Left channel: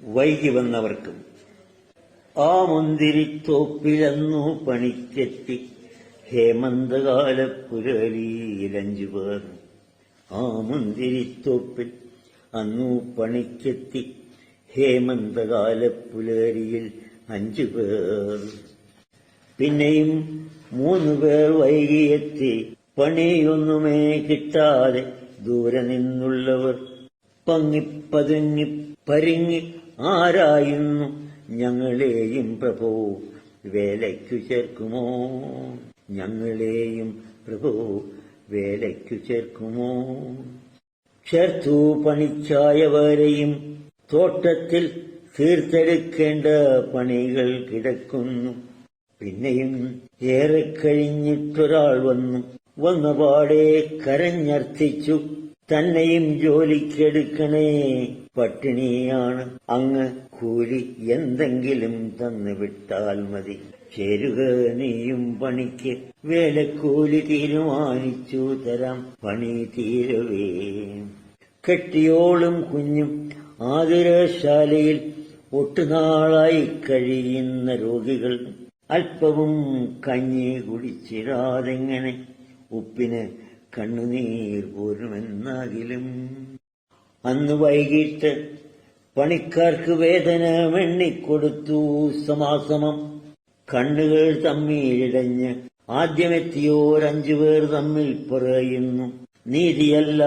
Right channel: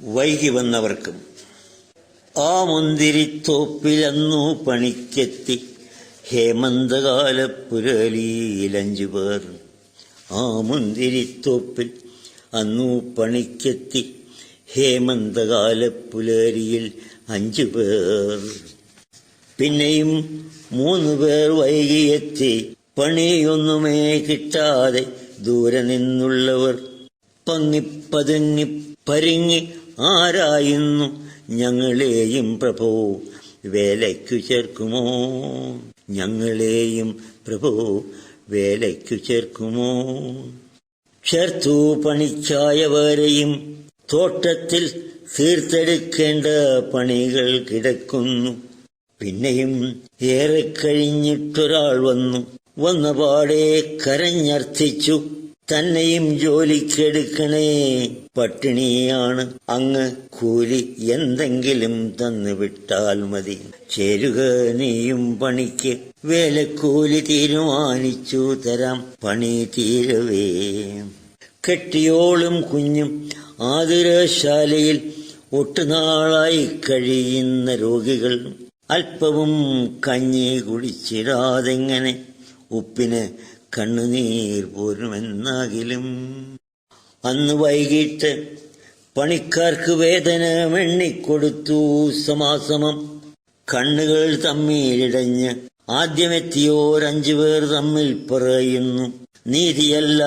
വൈകി വന്നവർക്കും. ആ മുന്തിരിത്തോപ്പിലന്നു പണിക്കെത്തി ഹേമന്തകാല പുലരിയിലഞ്ചു പേർ. ആ മുന്തിരിത്തോപ്പിൽ അന്നു പണിക്കെത്തി ഹേമന്തകാല പുലരിയിൽ 5 പേർ. പിന്നെയും 3 പേർ വൈകിയെത്തി. പണിയൊന്നുമേ കിട്ടാതെ ദൂരെ നിന്നുള്ളവർ പതുങ്ങി പരിങ്ങി ആരായുന്നു, ഞങ്ങളെയും പ്രഭോ വേലയ്ക്കു ചേർക്കുമോ, ഞങ്ങളെയും പ്രഭോ വേലയ്ക്കു ചേർക്കുമോ. ചേർത്തു പണിക്കായവരെയും തോട്ടത്തിൽ തീർത്തെടുക്കേണ്ട പണികൾ കിടക്കുന്നു. പിന്നെയും ഏറെ കഴിഞ്ഞിട്ടൊരാൾ വന്നപാടെ കരഞ്ഞർത്ഥിച്ചു, തന്നെയും ജോലിക്കെടുക്കണേ, പട്ടിണിയാണ്, അങ്ങ് കൂലി എന്തെങ്കിലും തന്നു വിട്ടാൽ മതി. ചേരുക നീയും പണിക്ക്, വേലക്കൂലി തീരുമാനിച്ചു തരാം പണി തീരവേ. കെട്ടിയോളും കുഞ്ഞും ആതുരശാലയിൽ ഒട്ടുനാളായി കഴിയുന്ന രോഗികൾ അല്പവും കഞ്ഞി കുടിച്ചിടാതെങ്ങനെ ഉപ്പിന് കണ്ണുനീർ പോരുമെന്നാകിലും. അന്ന് വൈകിട്ട് പണിക്കാർക്ക് വേതനം എണ്ണിക്കൊടുത്തു സമാസമം. കണ്ണുകൾ തമ്മിലിടഞ്ഞ് ആദ്യമെത്തിയോർ 5 പേർ തമ്മിൽ പറയുന്നു, നീതിയല്ല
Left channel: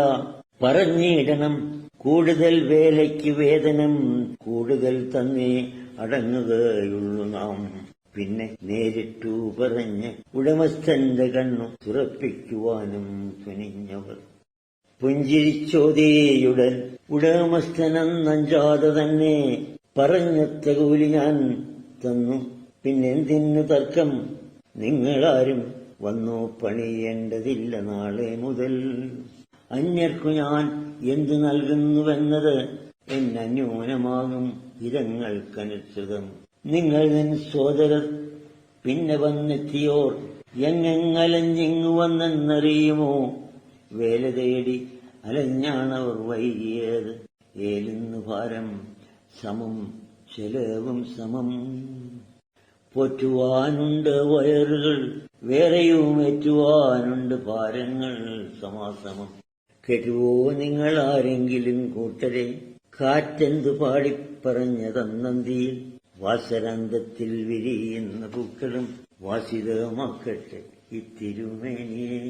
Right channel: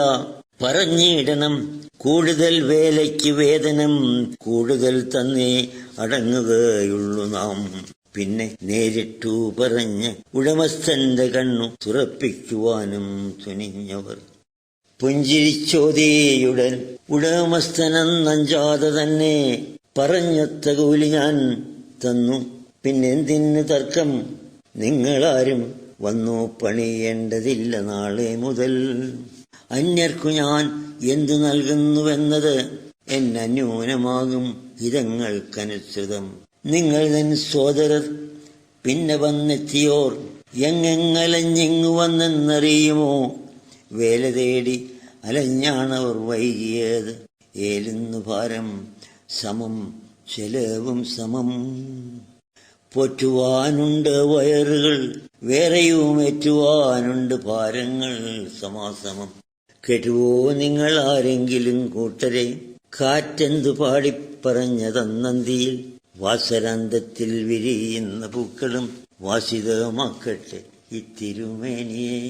പറഞ്ഞിടണം, കൂടുതൽ വേലയ്ക്ക് വേതനം കൂടുതൽ തന്നേ അടങ്ങുകയുള്ളൂ നാം. പിന്നെ നേരിട്ടു പറഞ്ഞ് ഉടമസ്ഥന്റെ കണ്ണു തുറപ്പിക്കുവാനും തുനിഞ്ഞവർ. പുഞ്ചിരിച്ചോതിയുടൻ ഉടമസ്ഥനെന്നഞ്ചാതെ തന്നെ പറഞ്ഞൊത്ത കൂലി ഞാൻ തന്നു. പിന്നെന്തിന് തർക്കം, നിങ്ങളാരും വന്നു പണിയേണ്ടതില്ല നാളെ മുതൽ. അന്യർക്കു ഞാൻ എന്തു നൽകുന്നുവെന്നത് എന്നന്യൂനമാകും ഇതങ്ങൾക്കനുസൃതം. നിങ്ങൾ തൻ സോദരർ പിന്നെ വന്നെത്തിയോർ എങ്ങെങ്ങലഞ്ഞിങ്ങു വന്നെന്നറിയുമോ. വേല തേടി അലഞ്ഞാണവർ വൈകിയത്, ഏലുന്നു ഭാരം സമം ചെലവും സമം. പോറ്റുവാനുണ്ട് വയറുകൾ, വേറെയും ഏറ്റുവാനുണ്ട് ഭാരങ്ങൾ സമാസമം. കേട്ടുവോ നിങ്ങൾ ആരെങ്കിലും കൂട്ടരെ, കാറ്റെന്തു പാടിപ്പറഞ്ഞതന്നന്തിയിൽ. വാസരാന്തത്തിൽ വിരിയുന്ന പൂക്കളും വാസിതമാക്കട്ടെ ഇത്തിരുമേനിയെ.